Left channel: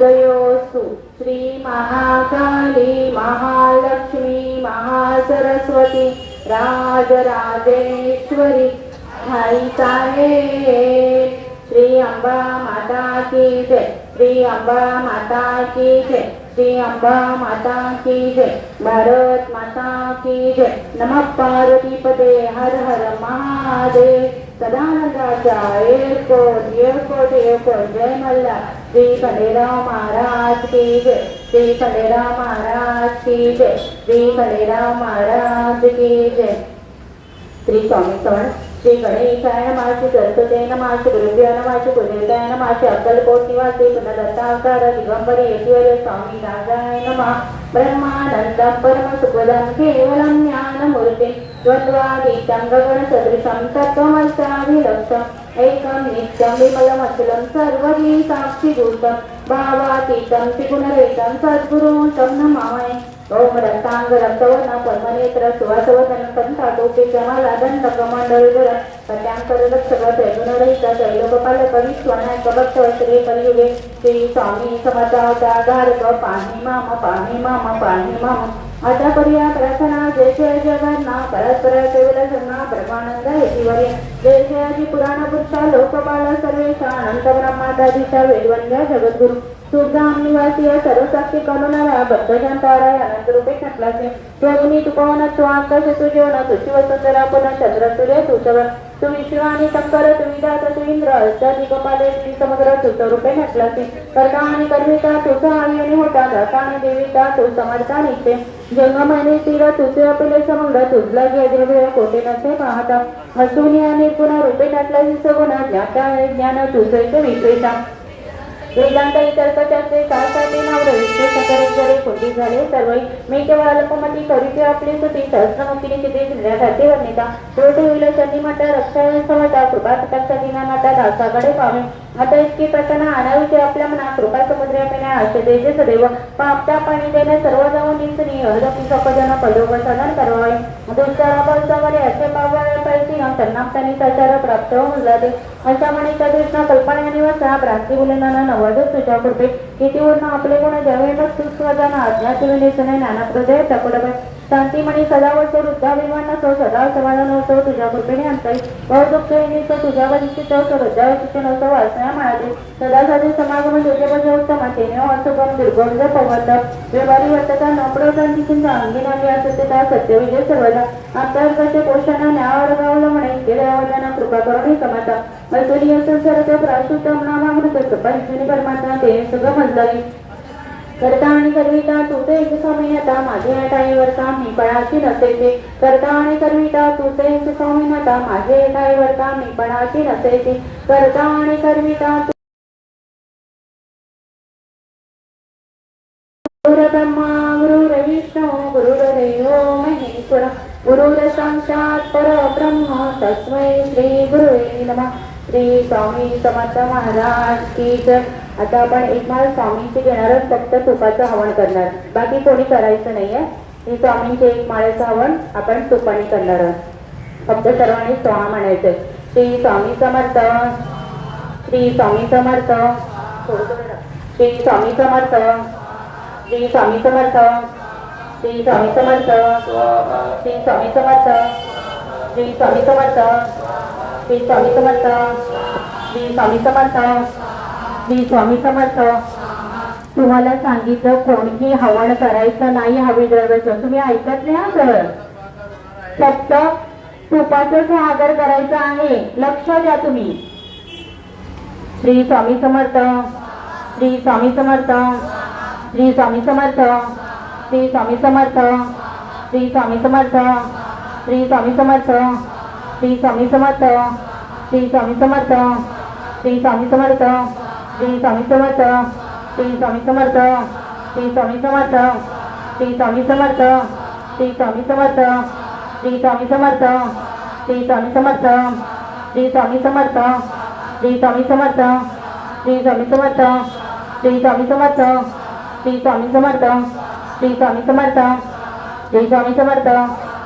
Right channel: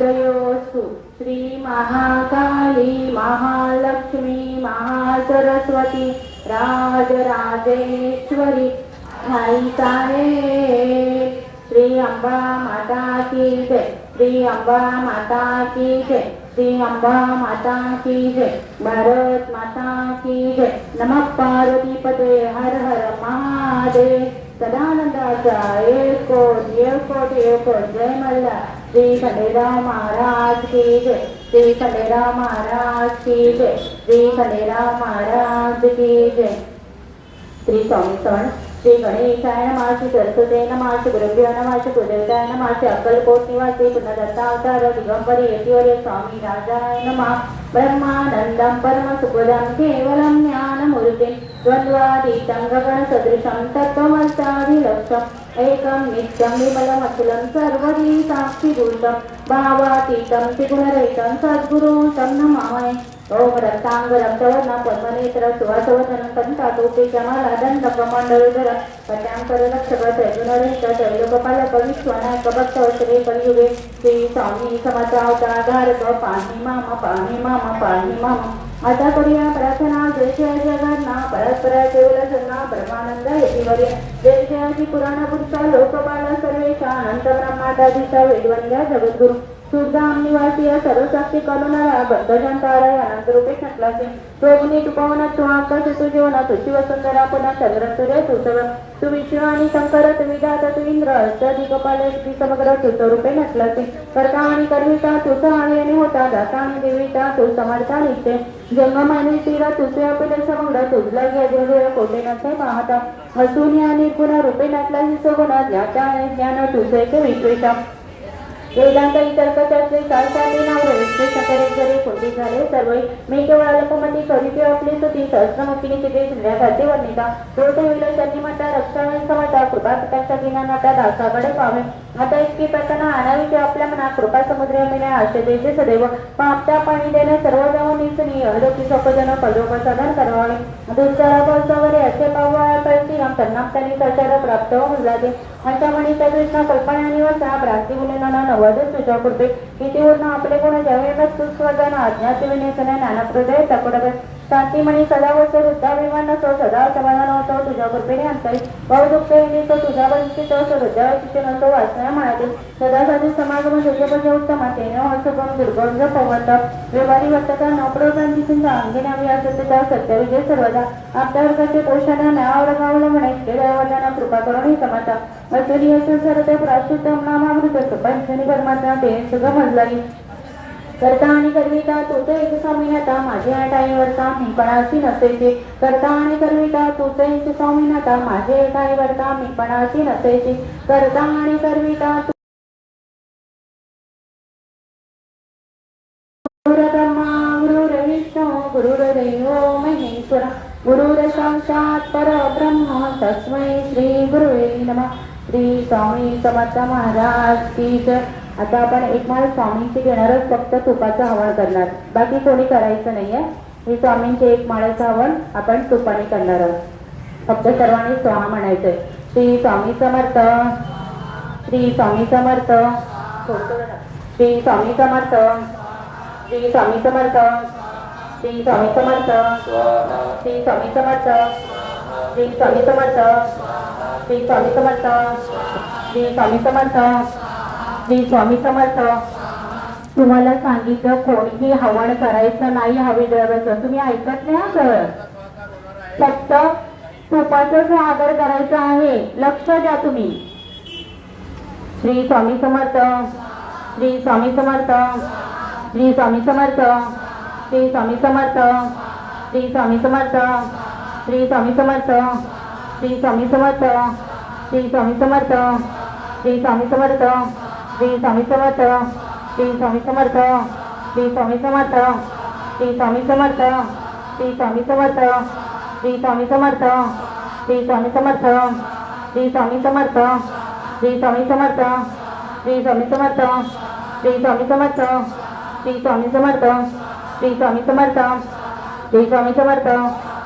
उदयोस्तु श्री महाकाली महालक्ष्मी महासरस्वती राजराजेश्वरी आई श्री अंबा माता की जय। श्री अंबा माता की जय। श्री अंबा माता की जय। भारत माता की जय। नमः पार्वती पते हर हर महादेव। सदानंदाचा एक कोट एक कोट एक कोट। जय मल्ला। श्री खंडेराव महाराज की जय. श्री खंडेराव महाराज की जय. श्री खंडेराव महाराज की जय. श्री स्वामी सण శ్రీ గణేశాయన మహర్షి సరస్వతైన మహర్షి గురుభ్యాన మహర్షి కుదరికాయన మహర్షి అక్కలపోట్ నివాసి పునదత్తావతార దిగంబర యశ్వర్య స్వామి రాజాయన మా బ్రహ్మానందం పరమ సుఖదం కేవలం జ్ఞానమూర్తి ద్వంద్వాదీతం గగన సదృశం తత్వమల్పాది లక్ష్యం ఏకం నిత్యం విమలమఖిలం సర్వదీ సాక్షిభూతం భావాతీతం త్రిగుణరహితం సద్గురు తం ओम रक्तांग रक्तवर्णा कर्मनेत्र सुवासवदन कंठाटोपे जमालादन कमंडलधर कट्यांकर रक्षक त्रैगुणरहित त्रैलोकपालक विश्वनायक भक्त श्री कलियुगे श्री स्वामी समर्थावता धारक पाणी माम पाणी माम पाणी माम. आता करूया प्रार्थना. जय जय जगन्ना. परस्परा केवल जन्ना ब्रह्मानंद यतीवरे जय जयाची पुराण पुरुषा. लोकपाला सर्वेचा अनंत ब्रह्मादाजीचा वेदवंद्या जगद्गुरु. सुरधाम निवासी सर्वसाक्षी करुणाला बद्धजंताराय अनंत रूपे नटलासे योगिनी तुपवन तू आकाश तू जेवण तुझी वसंतरा पुन्हा चंद्र सूर्य तू तू विष्णू आणि शंकर तू विधात तू इंद्र अष्टाधिकपाले श्री समुद्र तू स्वरूपे नटलासे कर्ता आणि कर्मिका तुझ आणि आणि होता दाता आणि देविता तू समर्था निघते जंगम आणि तीर तुझे अपिले समुद्र तुझला गेले कोटे नसे पाहता. हसुनी आणि पुन्हा रूपे नटल्याची सगुणा ज्ञाता आणि ज्ञान तुझे विक्रेता वेदांत तर्कशास्त्री काळसाठी नावरे ते सकरे जरे खोटी झाले. सर्व मी केवळ अल्पमती करीते आपली स्तुती सहस्रमतीने चित्रे शिंद्रा घाते वर्णिता दोष होईल शनी म्हणता रक्षा समता कृपा पितांचा दिना नाता दासाकडे पावे आता इतकी प्रसन्न आणावी की आपल्या मनात कृपा समुद्र मिळा आश्रदेचे सदैव. पण आपल्या पाणी देणे सर्व जाऊन निसनी अलोकी सपजन पदोग सदन करवावे. दुसऱ्यावर असे पावावे प्रश्न त्यांना त्यांनी सचारा प्राप्त होऊन जाते. अशा म्हणे त्या कृष्ण कल्पना निवसा प्राप्ती मुलांना संवादच सुचाव करते की ते वर्ण आपले गुण ज्यावेळेला सुस्वताना अज्ञात नाही ज्ञानप्रदय तकडत शांतीमणी सदा वसो वृद्धाभिमान नसो सदा समाधान असो तुझ्या कृपेने अंतर बहुदुःख येते तो तुझा वंचित असो हृदय शिक्षण असो वाचना म्हणाले सदा साधू समागम तुझे म्हणजे उत्तम तेने असो कोण दुर्गंध पवत व्यवहारी वर्तता नपडो शांतीची अंगी नावी असते त्या सत्यविजय सर्वदा. आपल्या वर्गाचे पोषणा न्यावाड गावलं म्हणे गेल्या वडिलांना कृपा करून हे समता मैत्री असं सर्व प्राशुतम नामामृत कृपा परमात्मा तेने सुगम मजलावी करता आणि करविता तुझे एक स्वामी आता माझे टाळीवरता मी पणाची नसायचे करता आणि करविता तुझे एक स्वामी आता माझे टाळीवरता मी पणाची नसायची करता आणि करविता गुरु ब्रह्मा गुरुर विष्णू गुरुर्देवो महेश्वर. गुरुर साक्षात परब्रह्म तस्मै श्री गुरुवे नमः. श्री स्वामी समर्थ महाराज की जय. आता आपण एक माळ स्वामींची घेणारच फक्त तुपाचं हवन करणार. बाकी कोणी करायचं नाहीये. हे स्वामींचे एक माळ्याचं हवन आपण तुपाने करणार आहोत. फक्त सर्वांनी स्वाहा म्हणायचंय. श्री स्वामी समर्थ. श्री स्वामी समर्थ. श्री स्वामी समर्थ. श्री स्वामी समर्थ. श्री स्वामी समर्थ. श्री स्वामी समर्थ. श्री स्वामी समर्थ. श्री स्वामी समर्थ. श्री स्वामी समर्थ. श्री स्वामी समर्थ. तुम्हाला सांगितलं कोणीही हवण करायचं नाही हवी द्रव्याचं. तुम्ही ऐकत नाही हा सर फक्त तुपाचं आदर करायचं आहे. लक्ष द्या तुम्ही. श्री स्वामी समर्थ श्री स्वामी समर्थ श्री स्वामी समर्थ श्री स्वामी समर्थ श्री स्वामी समर्थ श्री स्वामी समर्थ श्री स्वामी समर्थ श्री स्वामी समर्थ श्री स्वामी समर्थ. श्री स्वामी समर्थ श्री स्वामी समर्थ श्री स्वामी समर्थ श्री स्वामी समर्थ श्री स्वामी समर्थ श्री स्वामी समर्थ श्री स्वामी समर्थ श्री स्वामी समर्थ श्री स्वामी समर्थ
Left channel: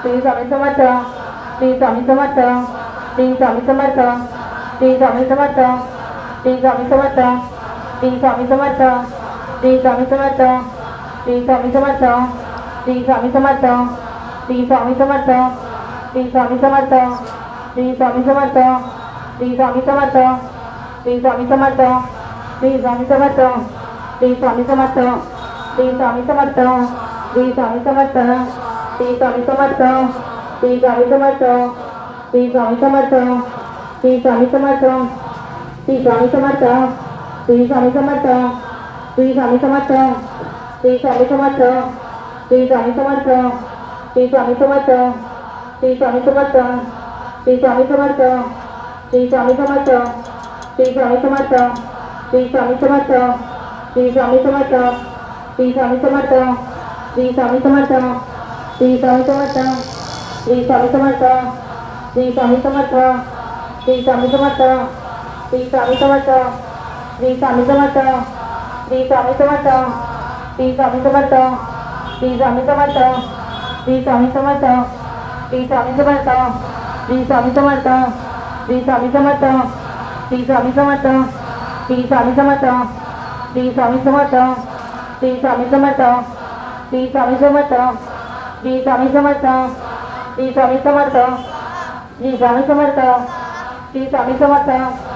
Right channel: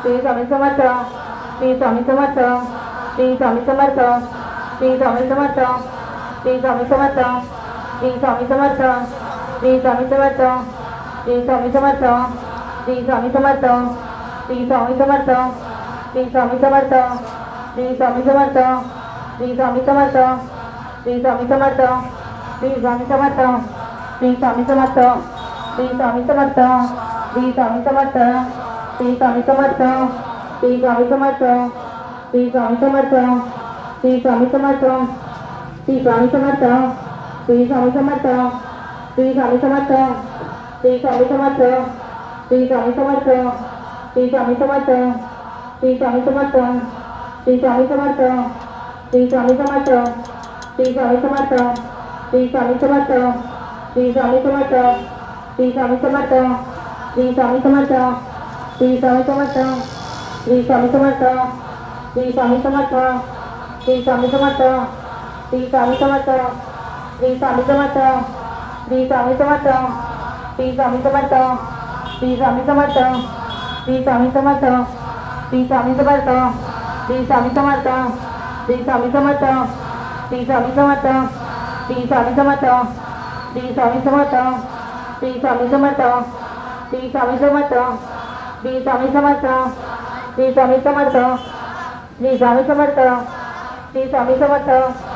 श्री स्वामी समर्थ श्री स्वामी समर्थ श्री स्वामी समर्थ श्री स्वामी समर्थ श्री स्वामी समर्थ श्री स्वामी समर्थ श्री स्वामी समर्थ श्री स्वामी समर्थ श्री स्वामी समर्थ श्री स्वामी समर्थ श्री स्वामी समर्थ श्री स्वामी समर्थ श्री स्वामी समर्थ श्री स्वामी समर्थ श्री स्वामी समर्थ श्री स्वामी समर्थ श्री स्वामी समर्थ श्री स्वामी समर्थ श्री स्वामी समर्थ श्री स्वामी समर्थ श्री स्वामी समर्थ श्री स्वामी समर्थ श्री स्वामी समर्थ श्री स्वामी समर्थ श्री स्वामी समर्थ श्री स्वामी समर्थ श्री स्वामी समर्थ श्री स्वामी समर्थ श्री स्वामी समर्थ श्री स्वामी समर्थ श्री स्वामी समर्थ श्री स्वामी समर्थ श्री स्वामी समर्थ श्री स्वामी समर्थ श्री स्वामी समर्थ श्री स्वामी समर्थ श्री स्वामी समर्थ श्री स्वामी समर्थ श्री स्वामी समर्थ श्री स्वामी समर्थ श्री स्वामी समर्थ श्री स्वामी समर्थ श्री स्वामी समर्थ श्री स्वामी समर्थ श्री स्वामी समर्थ श्री स्वामी समर्थ श्री स्वामी समर्थ श्री स्वामी समर्थ श्री स्वामी समर्थ श्री स्वामी समर्थ श्री स्वामी समर्थ श्री स्वामी समर्थ श्री स्वामी समर्थ श्री स्वामी समर्थ श्री स्वामी समर्थ श्री स्वामी समर्थ श्री स्वामी समर्थ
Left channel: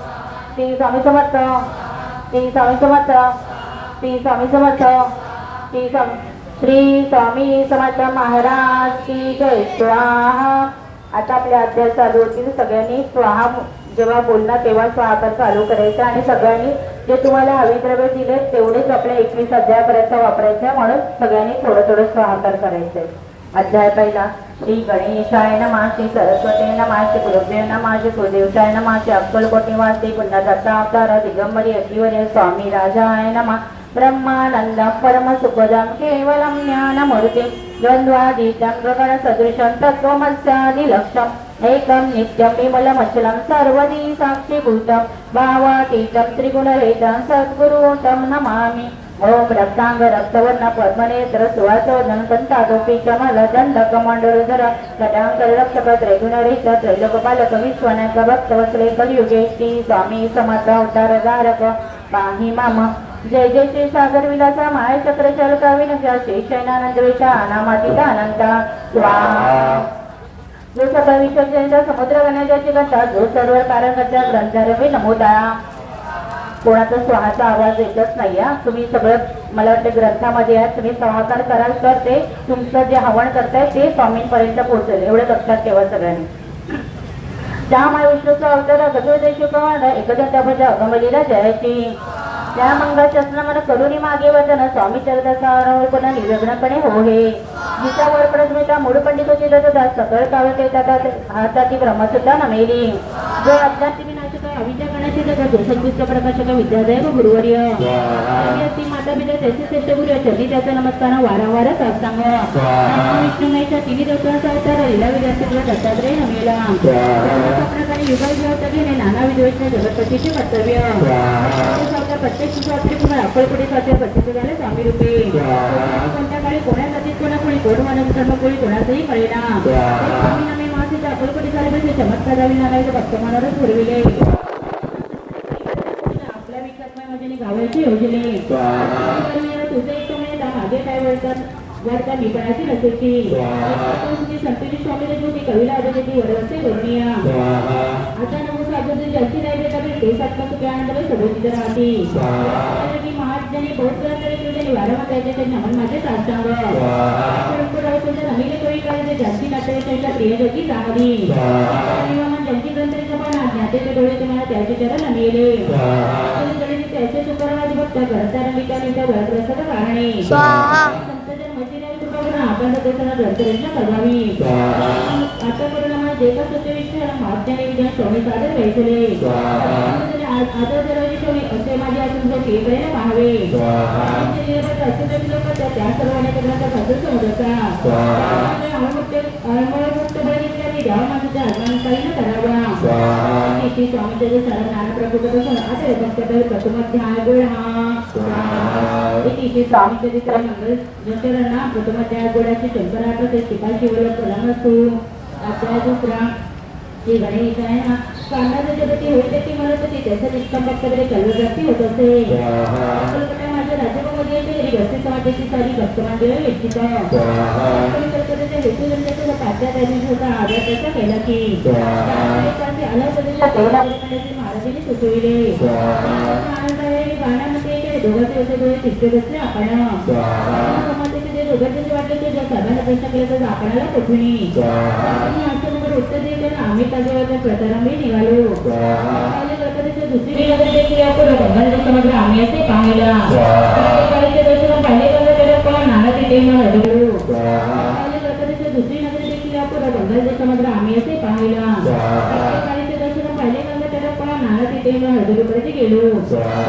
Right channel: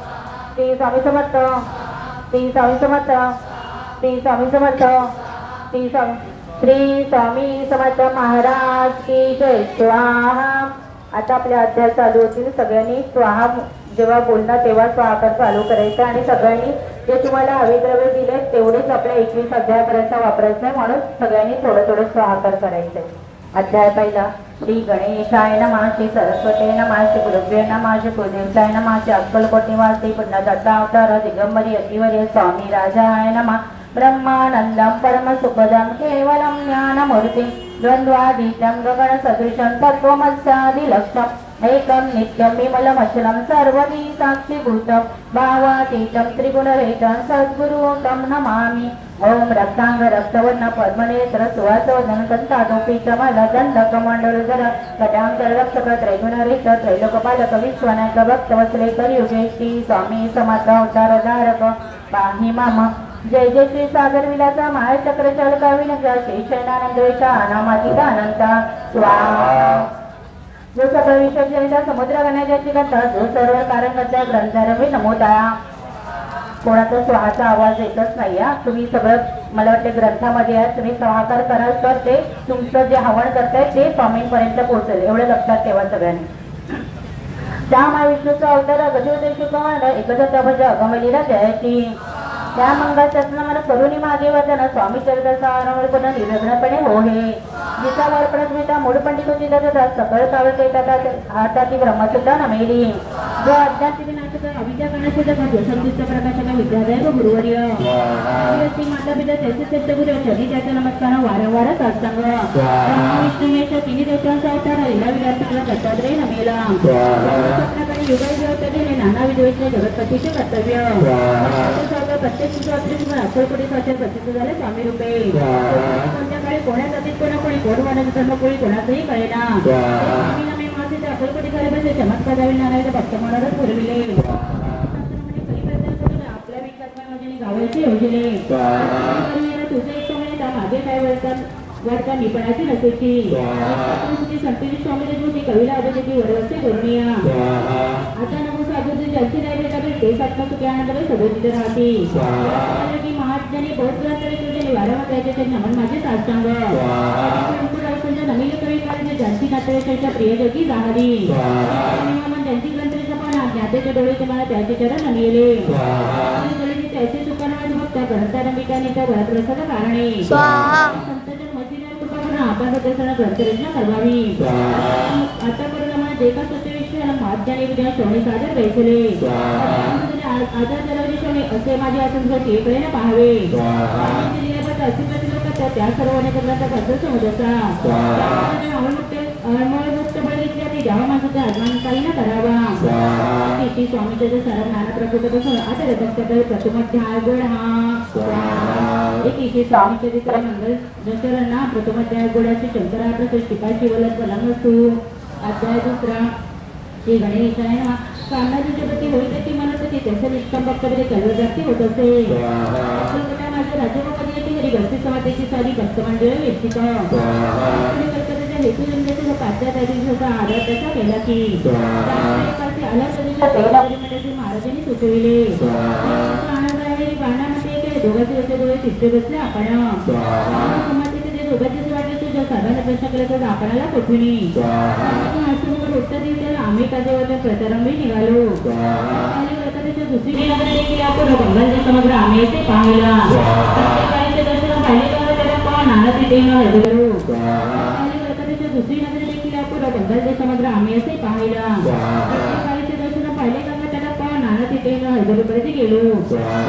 श्री स्वामी समर्थ. श्री स्वामी समर्थ. श्री स्वामी समर्थ. श्री स्वामी श्री स्वामी समर्थ महाराज की जय. स्वाहा. आता आपले अध्याय चालू होतील. सगळ्यांनी स्वाहा जेव्हा बोलणार तेव्हा स्वाहाकार चालू करायचा आणि सगळ्यांनी जे तुम्हाला हवे द्रव्य दिले तेवढेच आपल्या एकवीस अध्यायापर्यंत वापरायचं म्हणून सगळ्यांनी थोडं थोडं स्वाहाकार करायचं అధ్యాయ పైన శ్రీ గణేశాయ నమ శ్రీ సరస్వతి నమ శ్రీ గురుభ్యో నమ శ్రీ గురుదేవశాయ నమ శ్రీ అక్కలు కొట్టివా శ్రీ పుణ్య దత్తాతార దిగంబరి అగ్నివరి స్వామి రాజాయ నమ బ్రహ్మానందం పరమ సుఖదం కేవలం జ్ఞానమృతి ద్వంద్వాదీతం గగన సదృశం తత్వమస్యాది లక్ష్యం एकम नित्यम विमलमचलं सर्वदी साक्षिभूतं भावातीतं त्रिगुणरहितं सद्गुरु तं नमामि। ॐ रक्ताङ्ग रक्तवर्णपद्मनेत्र सुवासदनकन्ताटोपीचमलदण्डकमण्डलधर कटाङ्गरक्षकत्रैगुणरहित त्रैलोकपालक विश्वनाथ भक्तवस्त्रे कलियुगेष्टि स्वामी समर्थ अवतारधारक पाहि माम। जय जय श्री सागर विलासा चक्र चालका विनजा शेषानंद वेशा अनामातीत अनंता स्वाहा। जो सगळा विश्वचरित्र समुद्र गणेशाची घटना जो सर्व कारण करता ग्रंथारवी नमोदा. कोणाचा स्वाहाचा आवाज येतच नाही हा. तुम्ही सगळं मला वाटते ग्रंथामध्ये या तुम्ही स्वाहाकार कराल तर ते तुमचं जे हवन करताय ते स्वामींपर्यंत पोहोचेल. एवढं लक्षात ठेवा सगळ्यांनी. त्या महाविष्णूचा अवतार गजोदेशुकवान एकदंता भजा अगमलीला जयाची त्या मंगळाशासना मला करुणी मागे वचन स्वामी चरित्राचा आरंभपणा निरग्नपणे हो हे. जिचा वर प्रथमिता मूळ पंडितोची दत्ता सकळ काळ केतात हाताची ब्रह्मसुद्धा नमेली. जो अज्ञाती नाशिका अविद्या गणाचे जगत संयुक्त प्रकाशक विद्यादेव गुरुवर्य ती माता पिता त्याचे श्रेष्ठ गुरु चली त्याचा नमस्कार वारंवार सात्संग विष्णू महेश तिन्ही देवतांचा अवतार लीला विद्यार्थीला दत्तात्रय नमेला स्वप्नकाळी युगायुगात गेले नाना विधवेच्या जगतपतीचे कर्तव्य सावल्या प्रत्येक सुखात्री तुम्हाला अक्कलकोटी सारखे प्रत्यक्ष झाले स्वामी रूपे कोणत्या काळी कोणासाठी कोणा कोणी कोण मानस धर्म कोणी कोणाचंही कळेना स्वामी नामे मासे अक्कलकोटी झाले म्हणजे चमत्कार झाले नारायण भक्त मनावरच पुरविले हवेचे उजळे तुझे तुम्ही माझे काय वळतात वळता मी पणाची नसेची तुझी संतोषी स्वामीने तुझी कवीला आजोजी वडवस्ते वर्णिया आता नमस आजोजी ज्यांची नाही बेटा मी केस आत्मा सुख्यानंतर सभोजित राहती महात्म्याने बहुत रात्री तुझे वारंवार द्यायचे ते म्हणून माझे साष्टांग नवीन कवी काळजी जास्ती नातेवाईकांच्या प्रियजोगी जाणारी ज्यांची ग्रंथरेखा पण ज्ञातेचे डोळे त्याचे शुक्रवारी भक्त करता नंबिकानिका वरप्रसाद कारणे स्वाहा. संतजन मचिन्या कृपागुणा आपण सदस्यांना ग्रंथरेषा करवावी आता परिणामा देवा सत्य विश्वाला महाज्ञानी विज्ञान स्वामी सादर वैसले म्हणजे आदर दरवाजी स्वामी असे माझे आसन केकडे म्हणजे पाहावे. त्या सर्व अनेक प्रकारचा सदस्य होत असताना बघितल्याने द्यावा माझ्या आगमन काही न करावा स्वाहा ती स्वामी त्याचे सारा नाना प्रभूपासून आता भक्ताकडे प्रथमाध्याय हा. स्वामी चरित्र मंगल जंतरांना प्रथमाध्याय गोडाची शंकरा शिपाई शिवला कलम असतो अध्याय दुसरा श्री गणेश आहे ना कामाचं जगती होते ती म्हणत होती त्याचं निष्काम भक्तामध्ये कल्वजाती होत असे. माझ्या राज्यामध्ये समाजाची सारी भक्तमान देव इच्छित हेतू जनतेचा तात्या होता त्याचा केला की. स्वाहा. एकाचे अलग प्रदेशात तेवढा परिमाणाचे महाराजांनी सुचविले. दोघांचे होते डोळे तिसरे बसले आपण. समाजाचे दोघांचे वाटले ते जर साधारण प्रश्न केला तर आपणाला कठीणी स्वाहा. असं मग उत्तर देते आम्ही प्रचारांनी निघालो. दुसरी नगर देखील आपण बंगालच्या समग्र आम्ही असे पाहिला. पण नाना तिथे हरलो स्वाहा आणि प्रकाराच्या दुसरी नगर देखील आपण बंगालच्या समग्र आम्ही असे पाहिला स्वाहा प्रत्येकाचे दर्शन पाहिले गेलं त्याला पण नाना तिथे हरगडूपर्यंत गेलो स्वाहा